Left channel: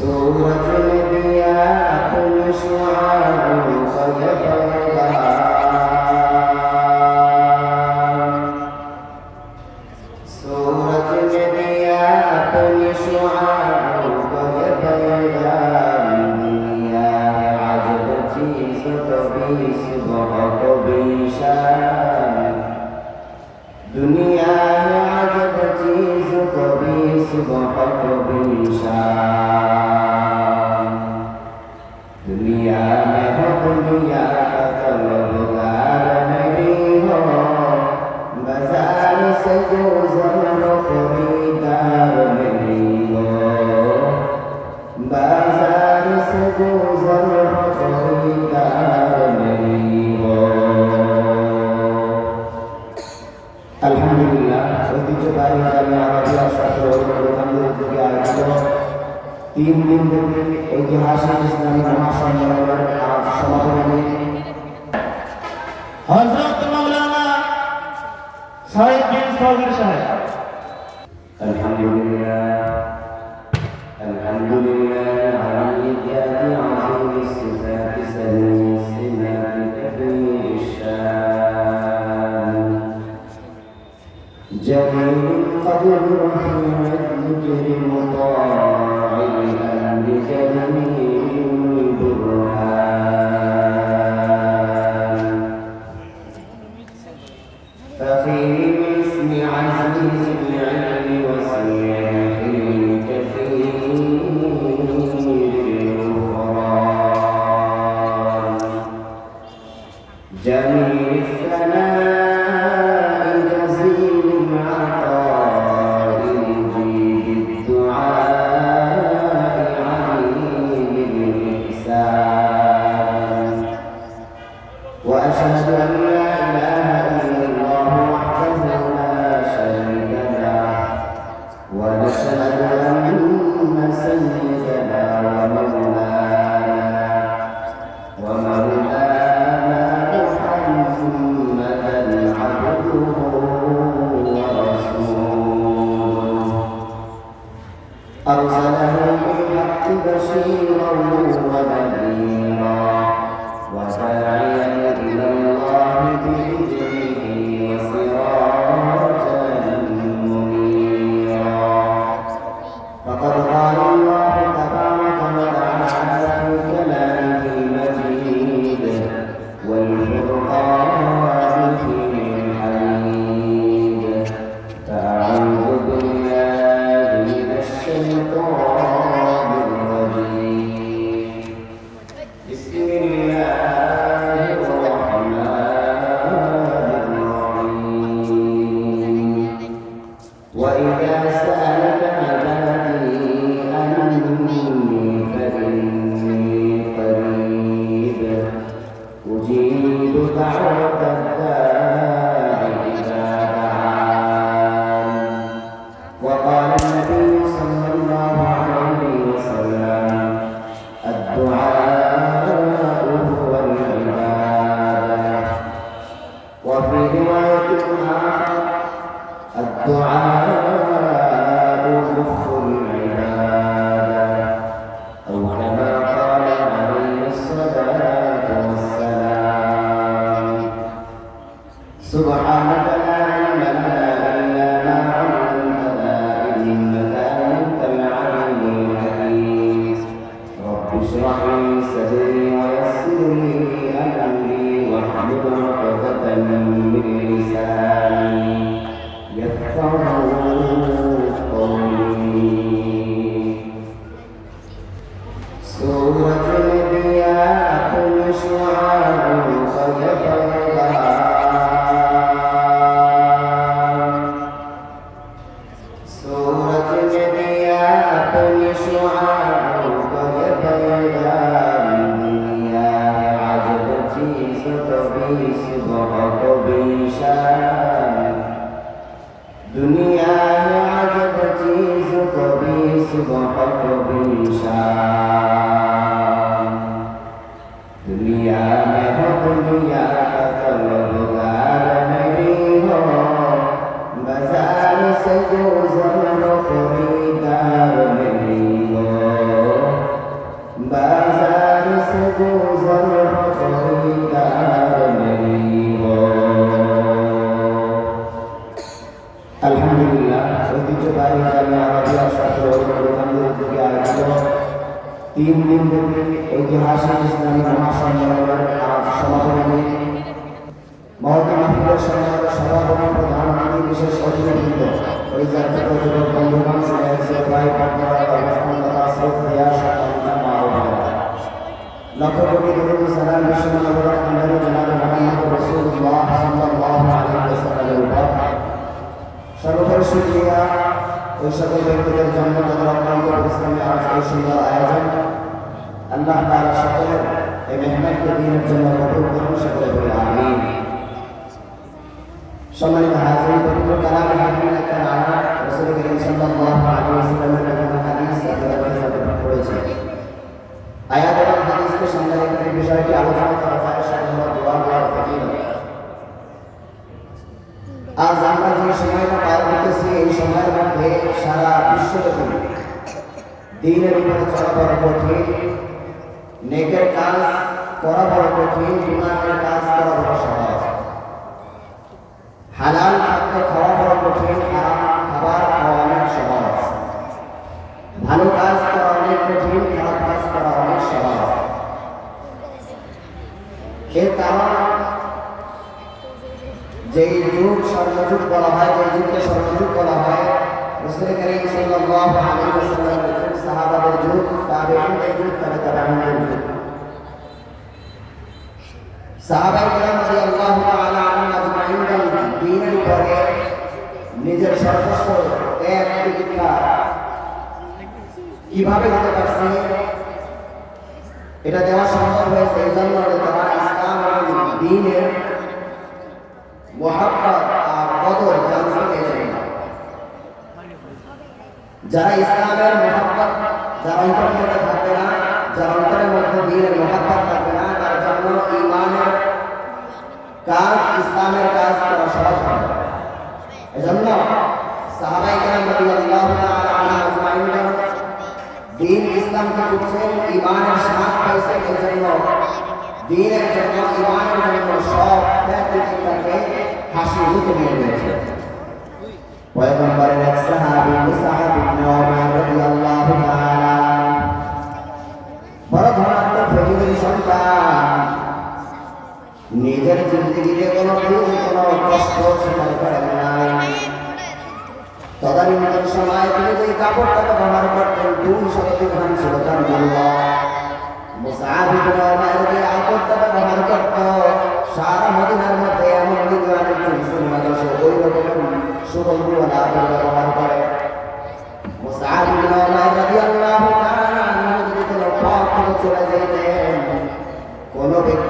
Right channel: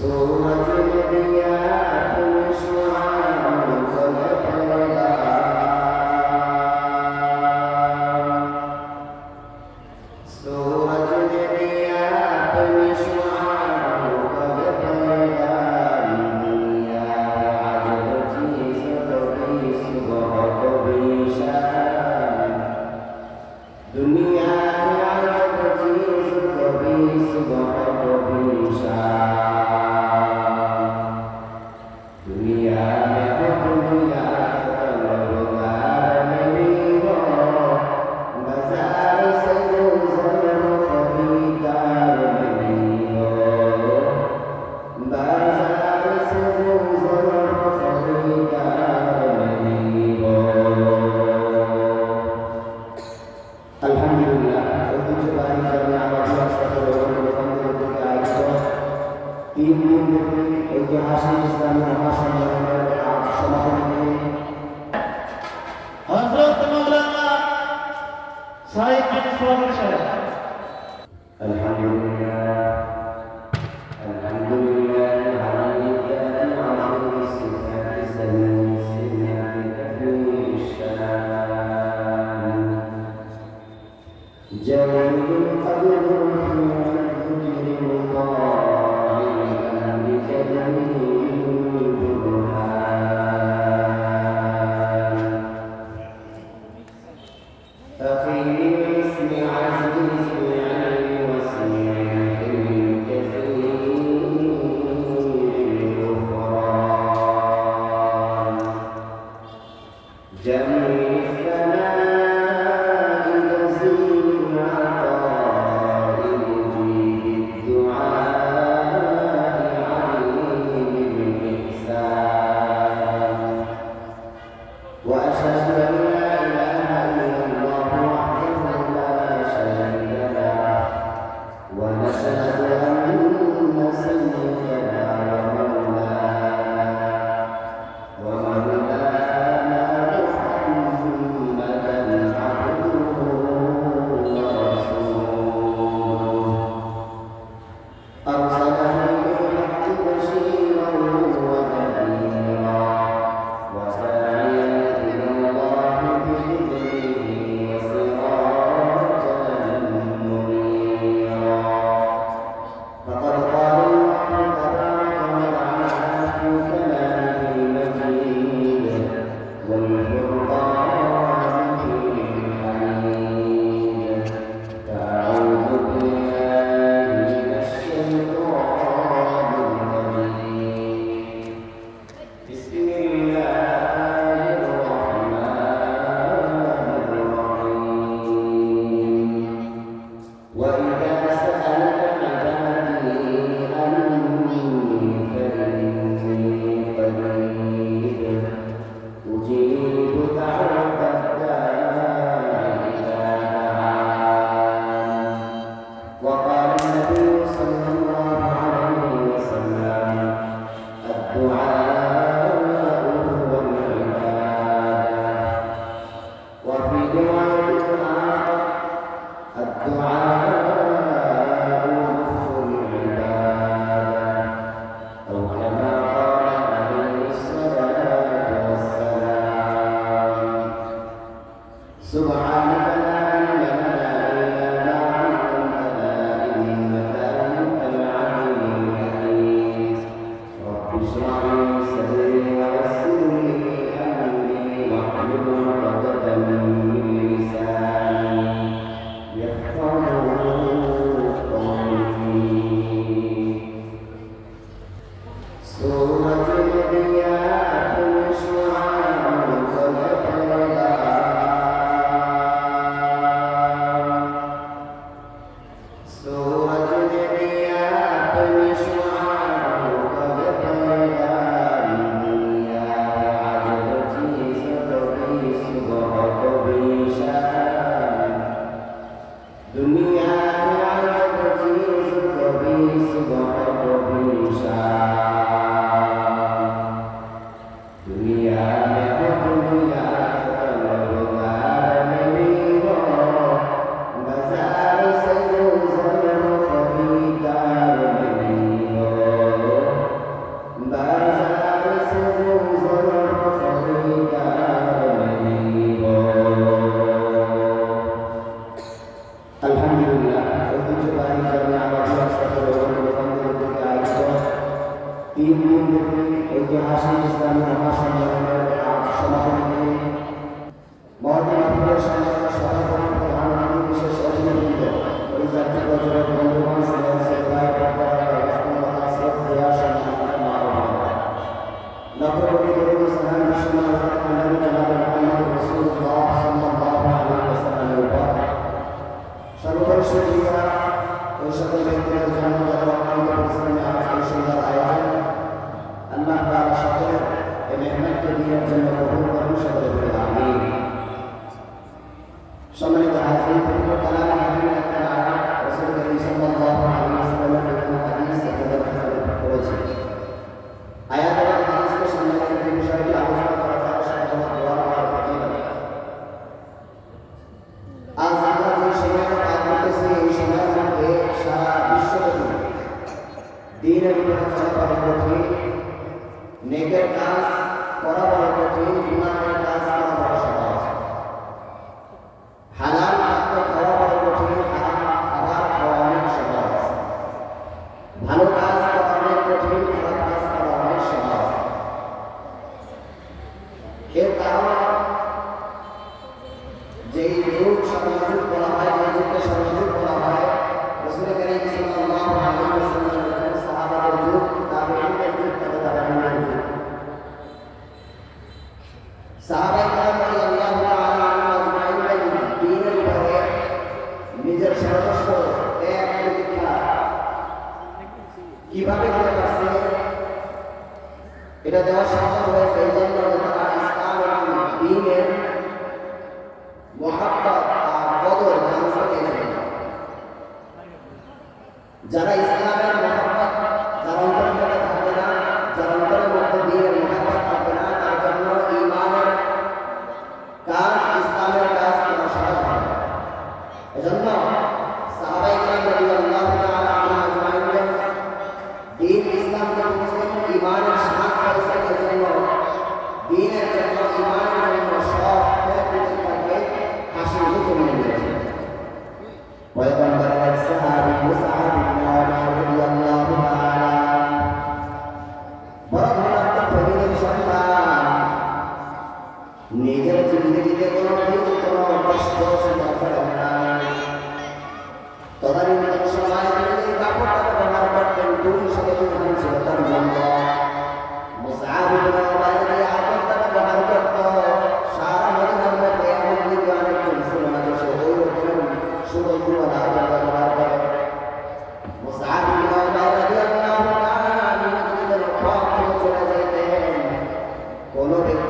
So wa in kana So ঐতিহাসিক ইসলামী মহাসম্মেলনের মহতা মাহফিলের সঙ্গে সভাপতি প্রধান অতিথি বিশেষ অতিথিবৃন্দ জাতীয় পর্যটক বন্ধুগণ সিলেট সেফলাই পাটনার রহমতুল্লাহ শ্রদ্ধা সম্মানিত মা ও বোনেরা। লক্ষ কোটি দরুদ ও সালাম বিশ্বনবী রহমানুর জনাব মুহাম্মদ রাসূলুল্লাহ সাল্লাল্লাহু আলাইহি ওয়াসাল্লামের উপর বিমানের কাজ করা বড় সহজ হালাল খাদ্য খাওয়া বড় কঠিন হারাম খাবার খাওয়া অনেক সহজ ভালো কাজ করা অনেক কঠিন খারাপ কাজ করা অনেক সহজ এর কারণ যেই যুগ স্বর্ণযুগ বলা হয় যেই যুগকে স্বর্ণযুগ বলা হয় রসুল করিম সাল্লাল্লাহু আলাইহি ওয়াসাল্লামের যুগ সাহাবাদের যুগ তাবেঈনদের যুগ তবে তাবেঈনদের যুগ সাহাবায়ে কেরাম রাদিয়াল্লাহু তাআলা আনহুম আজমাইনদের দ্বীনের উপরে নিজের সর্বস্ব ত্যাগ প্রতিষ্ঠা কীভাবে হতে পারছে? এটা দেওয়া সম্ভব হয়েছে এই জন্য তারা ইসলাম এবং দ্বীনের মোহাব্বত আর কদর জানতে পেরেছেন। যারা ইসলামের মোহাব্বত, যারা অন্তরের মধ্যে থাকবে না, যারা অন্তরের মধ্যে দিনের মোহাব্বত থাকবে না, তার জন্য ইমানের কাজ ইসলামের কাজ করা সহজ হবে না। এজন্য সাহাবাই কেরাম রাদিয়াল্লাহু তাআলা আনহুম আজমাইনগণ দিন ইসলামকে বুঝছেন ইমানের স্বাদ পাইছেন এজন্য দিনের জন্য ইমানের জন্য সব ত্যাগ প্রতিজ্ঞাকে হাসি মুখে মেনে নিয়েছে পয়গম্বরের এক সাহাবী মুসআব ইবনে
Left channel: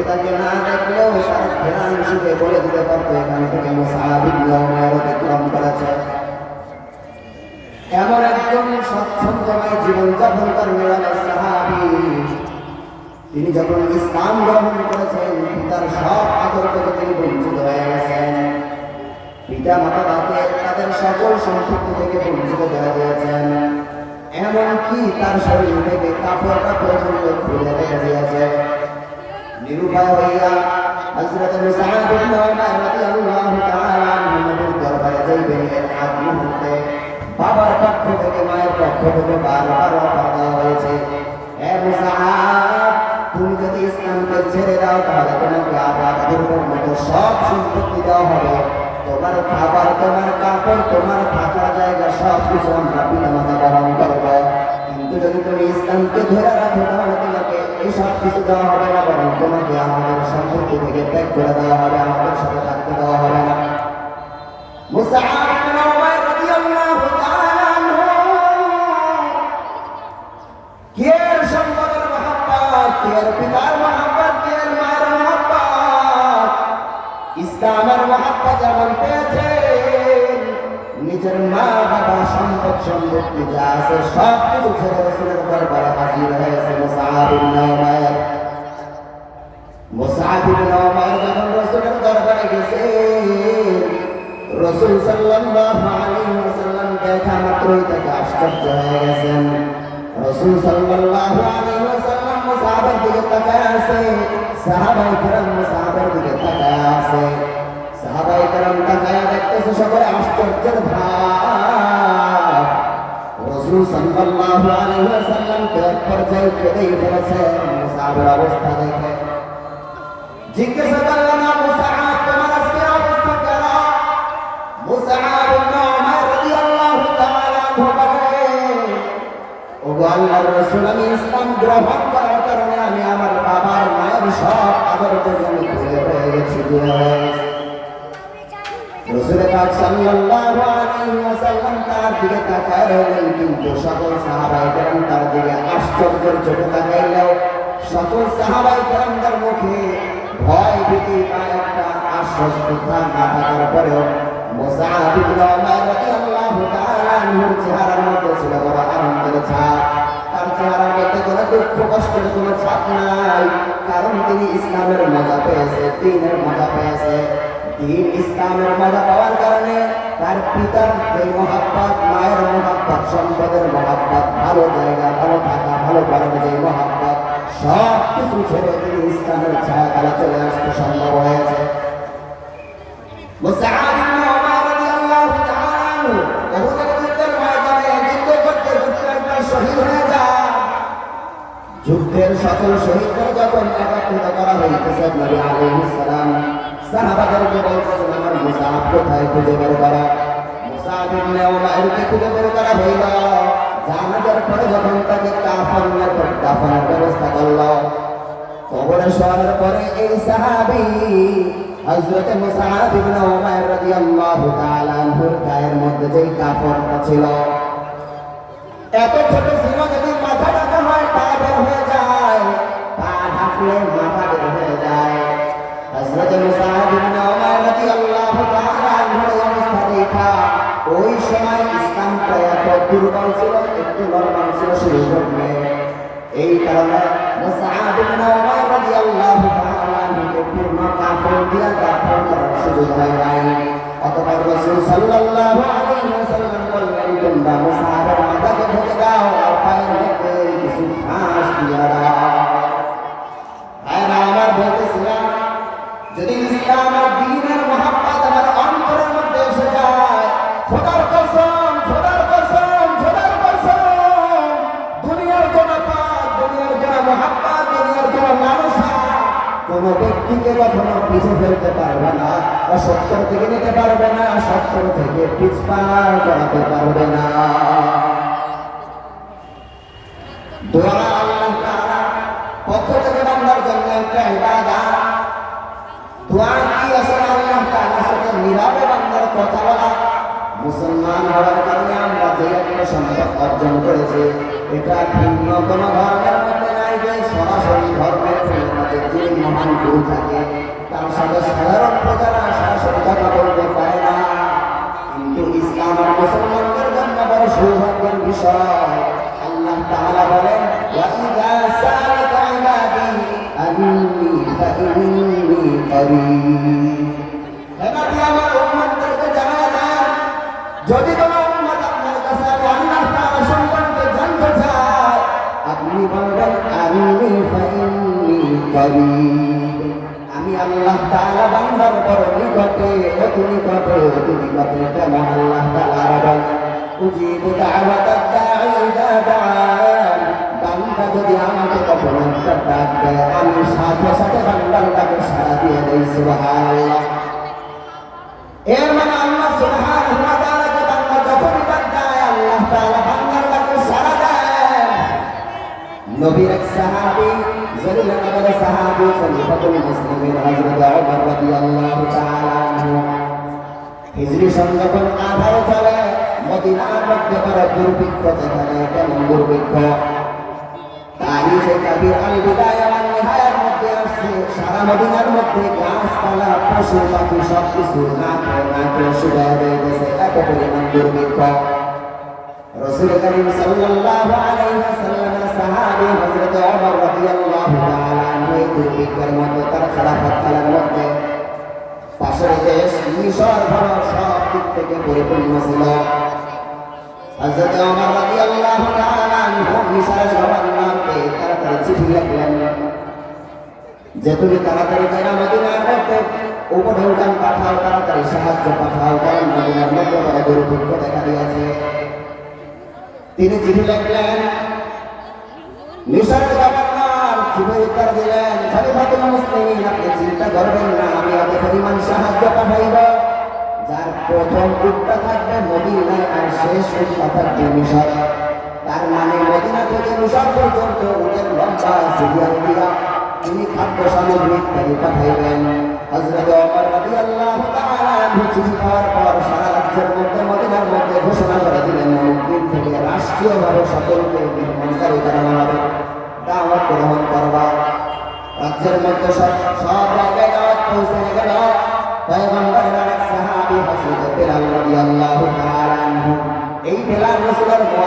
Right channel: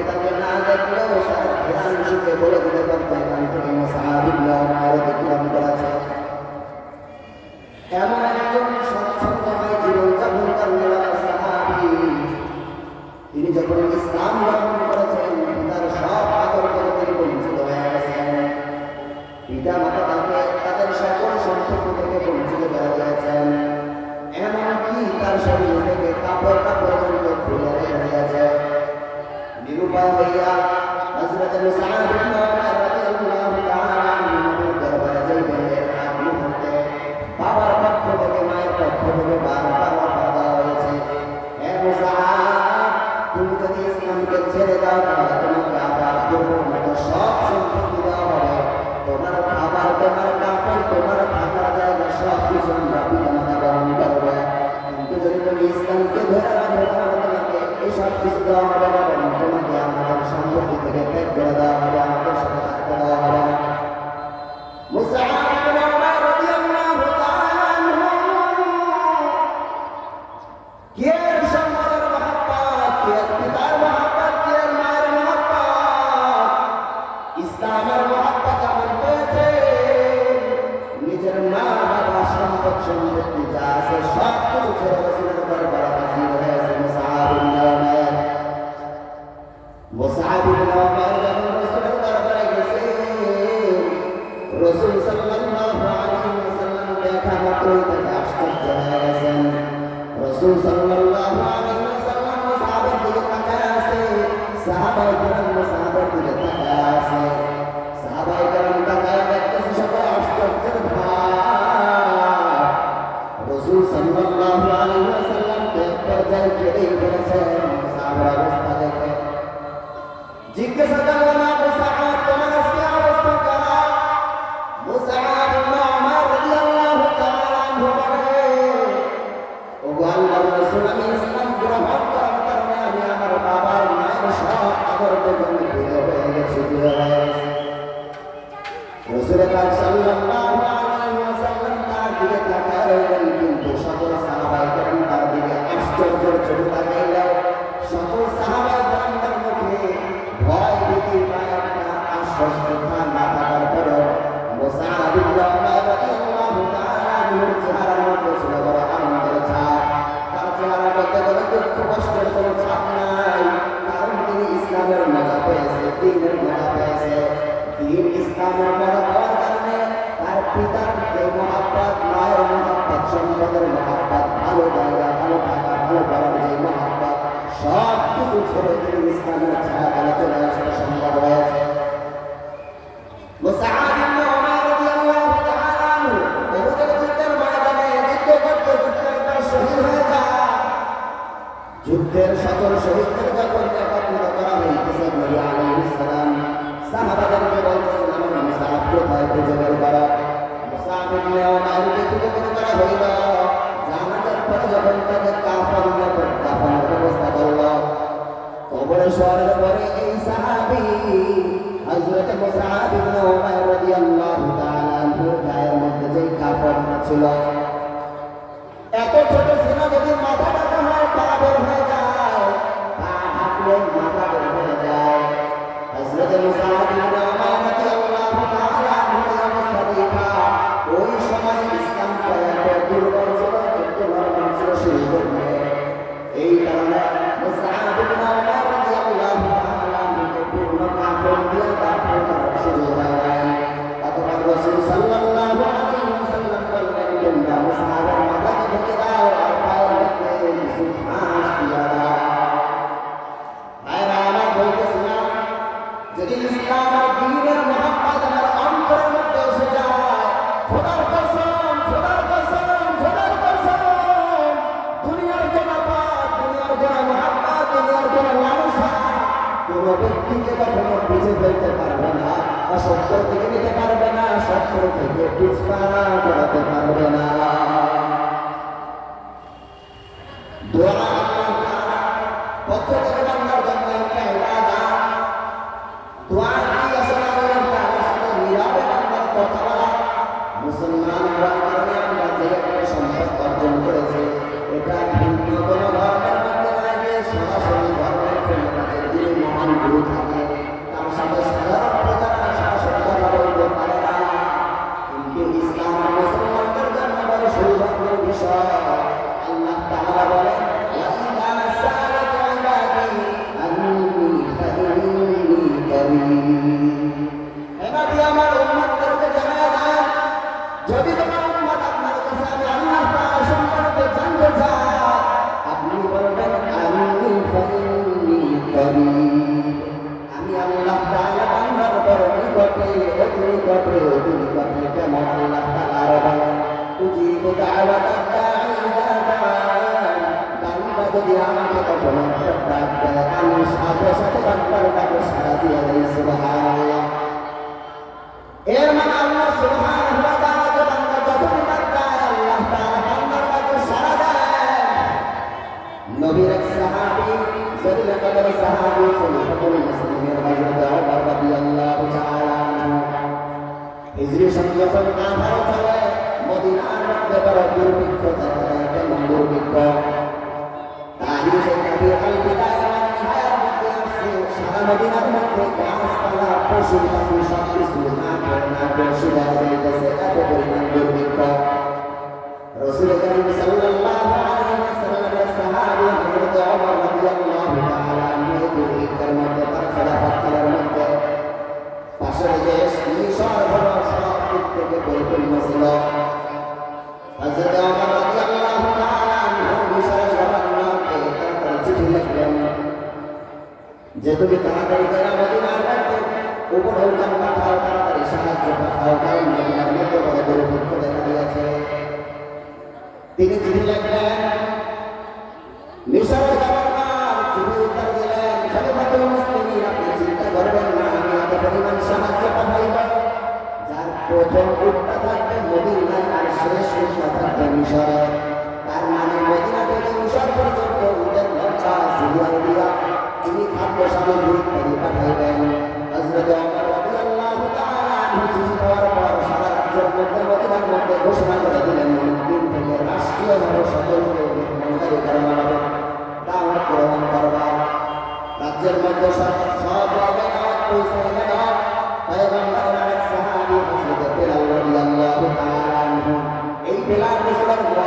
তাকে না দেখলেও তার ঘেরান শুকে বলে দিতে তিনি যখন ইসলাম গ্রহণ করেছেন পিতার সব আদর তিনি বঞ্চিত হয়ে গেছেন পিতা মাতা তাকে তাদের সকল সম্পত্তি থেকে বঞ্চিত করে দিয়েছেন এমনকি তার শরীর থেকে কাপড় কাপড় খুলে রেখে দিয়েছে নিরুপায় হইয়া হযরত মুসআব ইবনে উমার রাদিয়াল্লাহু তাআলা নবীর দরবারে যাইবেন এর আগ মুহূর্তে। বাবার পক্ষ থেকে, মায়ের পক্ষ থেকে বারবার অফার দেওয়া হয়েছে। হে মুসআব কিন্তু যদি তুমি ইসলামকে ধরে রাখো, তাহলে তোমাকে এই সব কিছু দেওয়া করে দেওয়া হবে আমাদের সাথে থাকতে দেওয়া হবে না ইসলামের মহব্বত এমন পেয়েছে নিজের মা বাবা সম্পদ সম্পত্তি যা আছে সব কিছু ছেড়ে উমার যখন রসুলের দরবারে গেছে। রসুল সাল্লাল্লাহু আলাইহি ওয়াসাল্লাম দেখা মাত্রই তাকে আশ্চর্য হয়ে গেছেন। রসুল সাল্লাল্লাহু আলাইহি ওয়াসাল্লাম মুসআবের দিকে তাকায় আছে, সাহাবায়ে কেরাম মুসআবের দিকে তাকায় আছে। দেখতেছে সবাই আশ্চর্যের ভাব। রসুল সাল্লাল্লাহু আলাইহি ওয়াসাল্লাম তো পর্যায়ে কেঁদেই ফেলেছেন মুসাবের অবস্থা দেখে। জিজ্ঞাসা করলেন আবু সাআদ, তোমার আজকের অবস্থা কেন মুসাআব ইবনে উমার রাদিয়াল্লাহু তাআলা আনহু সকল সাহাবায়ে সকল সাহাবায়ে ছিল বড় আনন্দের ছাপ। তার চেহারার মধ্যে কোনো দুঃখ, কষ্টের কোনো ছাপ নাই। কারণ তিনি ইসলামের মজা পেয়েছে দ্বীনের মজা পেয়েছে। দিন ইসলামের মজা পাওয়ার কারণে তার পিতার যে মহাব্বত, মায়ের মহাব্বত, সম্পদের মহাব্বত, ভালো জায়গা, ভালো থাকা ভালো করার যে মহাব্বত সব কিছু ছেড়ে তিনি ইসলামের ছায়া তারা চলে আসতে সম্ভব হয়েছে। যুদ্ধের সকল শহীদদের যখন একাত্রিত করা হইতেছে নবী আলাইহিস সালাম সাহাবাদেরকে বলতেছেন আমার কোথায় খুঁজে বের করা ইবনে খুঁজে বের করা হইল। জানাজার পরে যখন তাকে ব্যবস্থা করল, কবরে শোয়ানোর পরে এই সাহাবী ইবনে রাদিয়াল্লাহু তাআলা গায়ের মধ্যে যেই কাফনটা ছিল ব্যক্তিকে কখনো পিছিয়ে ফেলতে পারবে না, অসত্য থেকে নিতে পারবে না সত্তর থেকে পিছপা করাতে পারবে না। উজিবু দাওয়াত দাঈ ইযা দাআন বান্দা যদি আমাকে কখনো একটা ডাক দেয় আমি সাথে সাথে বান্দার ডাকে সাড়া দিয়ে দেই সুবহানাল্লাহ এর মানে আল্লাহ সুবহানাহু ওয়া তাআলাকে বান্দা যখনই ডাক দেয় আল্লাহ তাআলা বান্দার ডাকে সাড়া দেয় নবীর এক সাহাবী জলিল কদর সাহাবী খলিফাতুল মুসলিমিন হযরত ওমর রাদিয়াল্লাহু তাআলা হিজরি সন যখন আধার চলে মদিনার মধ্যে বড় দুর্ভিক্ষ দেখা দেয় কেমন দুর্ভিক্ষ? তারিখে কাবির আল বিদায়া ওয়ান নিহায়ার মধ্যে আসছে। সারা মদিনার মধ্যে গাছপালা, পশু পাখি সব কিছু না খেয়ে না পরিপূর্ণ হযরত ওমর রাদিয়াল্লাহু তাআলা আনহু মিশরের গভর্নরকে তাড়াতাড়ি চিঠি লিখলেন, যে তুমি তাড়াতাড়ি করে মদিনার মধ্যে উপঢৌকন পাঠাও, তাড়াতাড়ি সাহায্য পাঠাও, কারণ চিন্তা করবেন না, আমি এত পরিমাণ সাহায্য পাঠাইব। প্রথম উটটা থাকবে মদিনায় আর শেষ উটটা থাকবে মিশরে। তার মানে মদিনা থেকে মিশর পর্যন্ত উটের লম্বা সিরিয়াল দিয়া তিনি খাদ্য সামগ্রী ইত্যাদি পাঠাইবেন হযরত ওমর রাদিয়াল্লাহু তাআলা আনহু চিঠি পাওয়ার পর সারা রাজ্যের মধ্যে মদিনার মধ্যে ঘোষণা করে দিলেন দিন থেকে রাষ্ট্রীয়ভাবে সকলকে মেহমানদারি করা হবে। দাওয়াত গ্রহণ করবা। রাজ্যের মধ্যে সব সব জায়গায় দাওয়াত পৌঁছে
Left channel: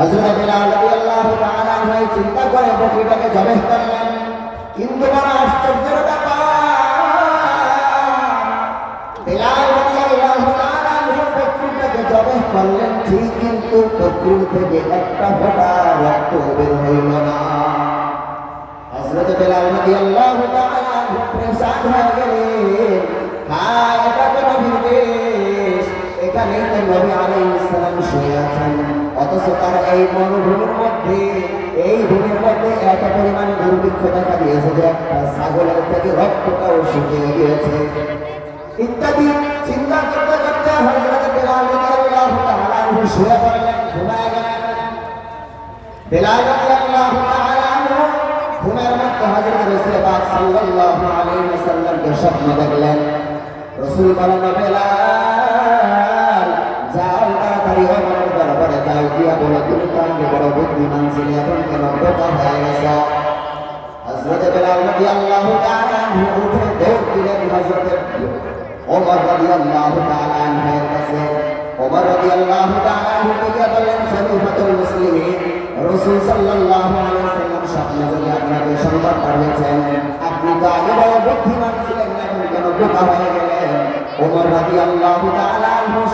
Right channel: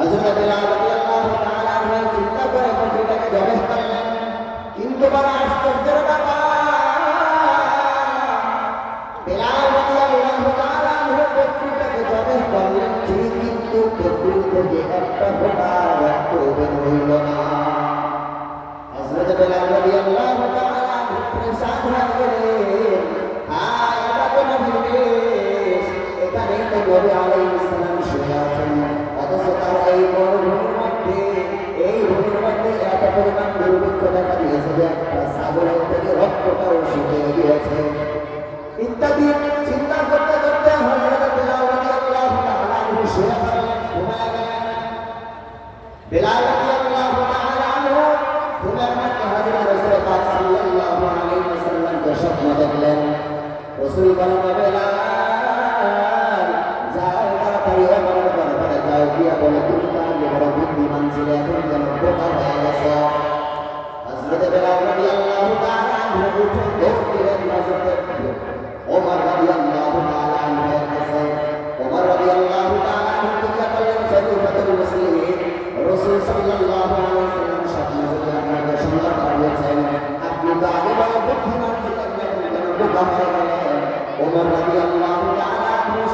হযরত বিলাল রাদিয়াল্লাহু তাআলা আনহু চিন্তা করে বকরিটাকে কিন্তু বড় আশ্চর্যের ব্যাপার, বিলাল রাদিয়াল্লাহু তাআলা বকরিটাকে জবাই করলেন ঠিক, কিন্তু বকরির থেকে একটা ফোঁটা রক্ত হয়ে নবী আলাইহিস সালাম শুয়ে আছেন। অথচ তার এই মরুভূমির মধ্যে, এই ভূমির মধ্যে এত পরিমাণ দুর্ভিক্ষ দেখা দিয়েছে যে একটা ছাগলের থেকে রক্তটাও শুকিয়ে গিয়েছে। ইত্যাদি চিন্তা করতে করতে হযরত বিলাল রাদিয়াল্লাহু তাআলা শুয়ে পড়লেন, ঘুমায় গেলেন। বিলাল রাদিয়াল্লাহু তাআলা ঘুমের মধ্যে হযরত রাসূল পাক সাল্লাল্লাহু আলাইহি ওয়াসাল্লামকে স্বপ্ন দেখলেন। রাসূল বলেন বিলাল বলো তুমি তো আগে বড় বুদ্ধিমান ছিলে এখন কেন বোকা হয়ে গেছো হযরত বিলাল রাদিয়াল্লাহু তাআলা আনহু উঠে দৌড় দিলেন হযরত ওমর রাদিয়াল্লাহু তাআলা আনহুর কাছে তাআলা হয়ে তাআলা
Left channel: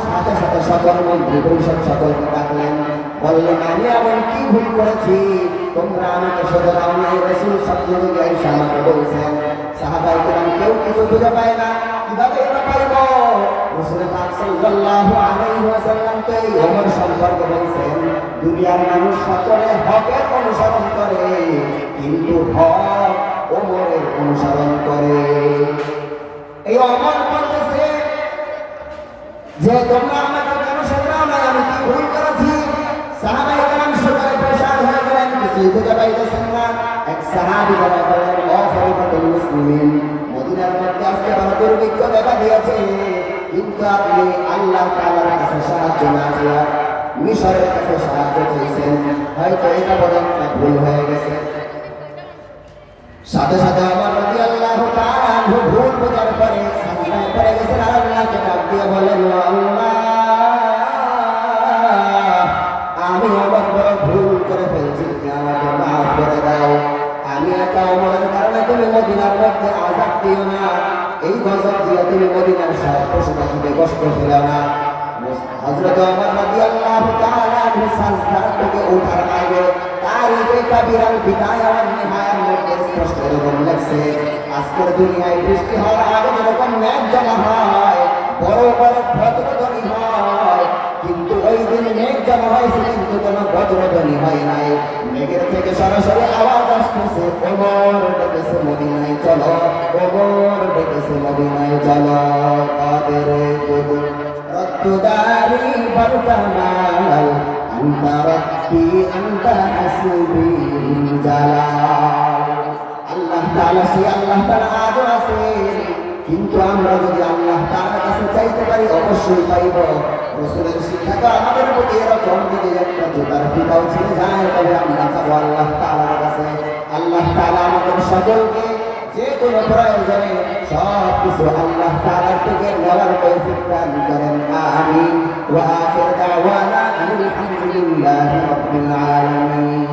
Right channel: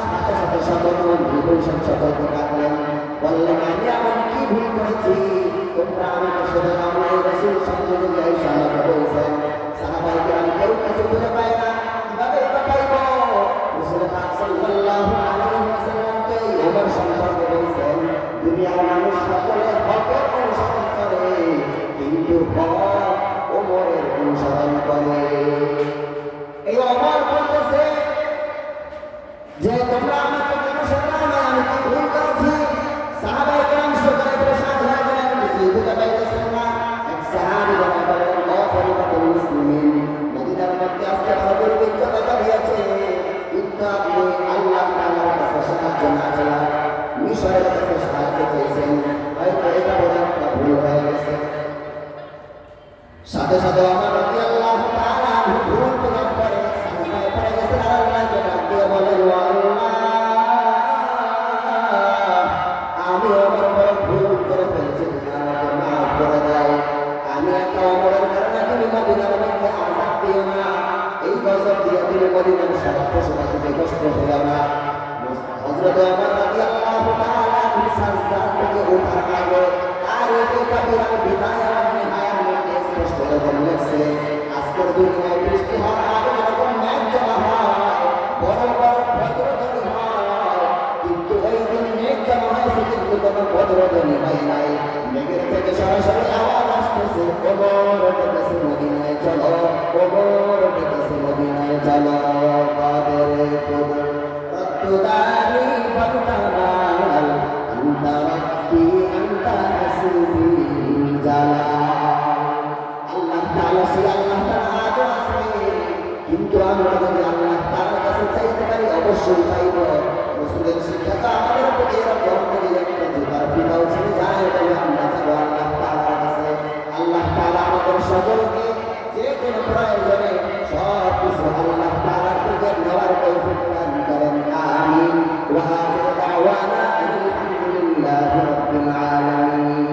সাথে সাথে বললেন আমি এমন কি ভুল করেছি? তোমরা আমাকে শুধু এই রাসূল স্বপ্নে এই আমাকে বলছেন সাহাবাই কেরাম কেউ কিছু বুঝে পায় না। কীভাবে এটা পাইব? রাসূল পাক সাল্লাল্লাহু আলাইহি ওয়াসাল্লাম করে, কিন্তু হক ওমরের অনুসরণ করে। এই অমর বলতেছে যে তোমরা মুসলিমিন মদিনার মধ্যে আজকে বড় দুর্ভিক্ষ দেখা দিয়েছে কিন্তু আপনি আল্লাহ তাআলার কাছে সাথে সাথে আমার গজব মদিনার সব পশু পাখিকে কষ্ট ফেলো না সাজদা থেকে ওঠার আগে তারিখে কাবিরান বিদায় আর নিহায়ার মধ্যে স্পষ্ট করে লেখছে আজকের দুনিয়ায় বৃষ্টি হওয়ার আগে যেরকম মেঘ জমা হয়, বড় বড় ভদ্রধ্বনি হয়, কিন্তু ওই দিন মেঘ জমা হয়েছে, কিন্তু কোনো ভদ্রধ্বনি হয় নাই। মেঘের থেকে সরাসরি আওয়াজ আসতেছে ওমর ডেকেছে মদিনায় চলো ওমর ডেকেছে মদিনায় চলো, কাদের কবুল রক্তদারি বর্তমান আন্তা রাখি আন্তা হাসিবি জালা আল্লাহ তাআলা সে আল্লাহ তাআলা কিন্তু আমরা যদি আল্লাহ তার কাছে চাইতে পারি, অবশ্যই পাইব। মুসলিম শিক্ষাটা আমাদের প্রতি এরকম যদি একটা জোগার ফিকাও ছেড়ে যায়, তবে আমরা চাবো আল্লাহ তালার কাছে। আল্লাহ তালা আমাদের সকলকে যে কোনো প্রয়োজনে সব কিছু আল্লাহ তালার থেকে নেওয়ার তৌফিক দান করেন। আমিন। ওয়া আখির দাওয়ানা আলহামদুলিল্লাহি রাব্বিল আলামিন।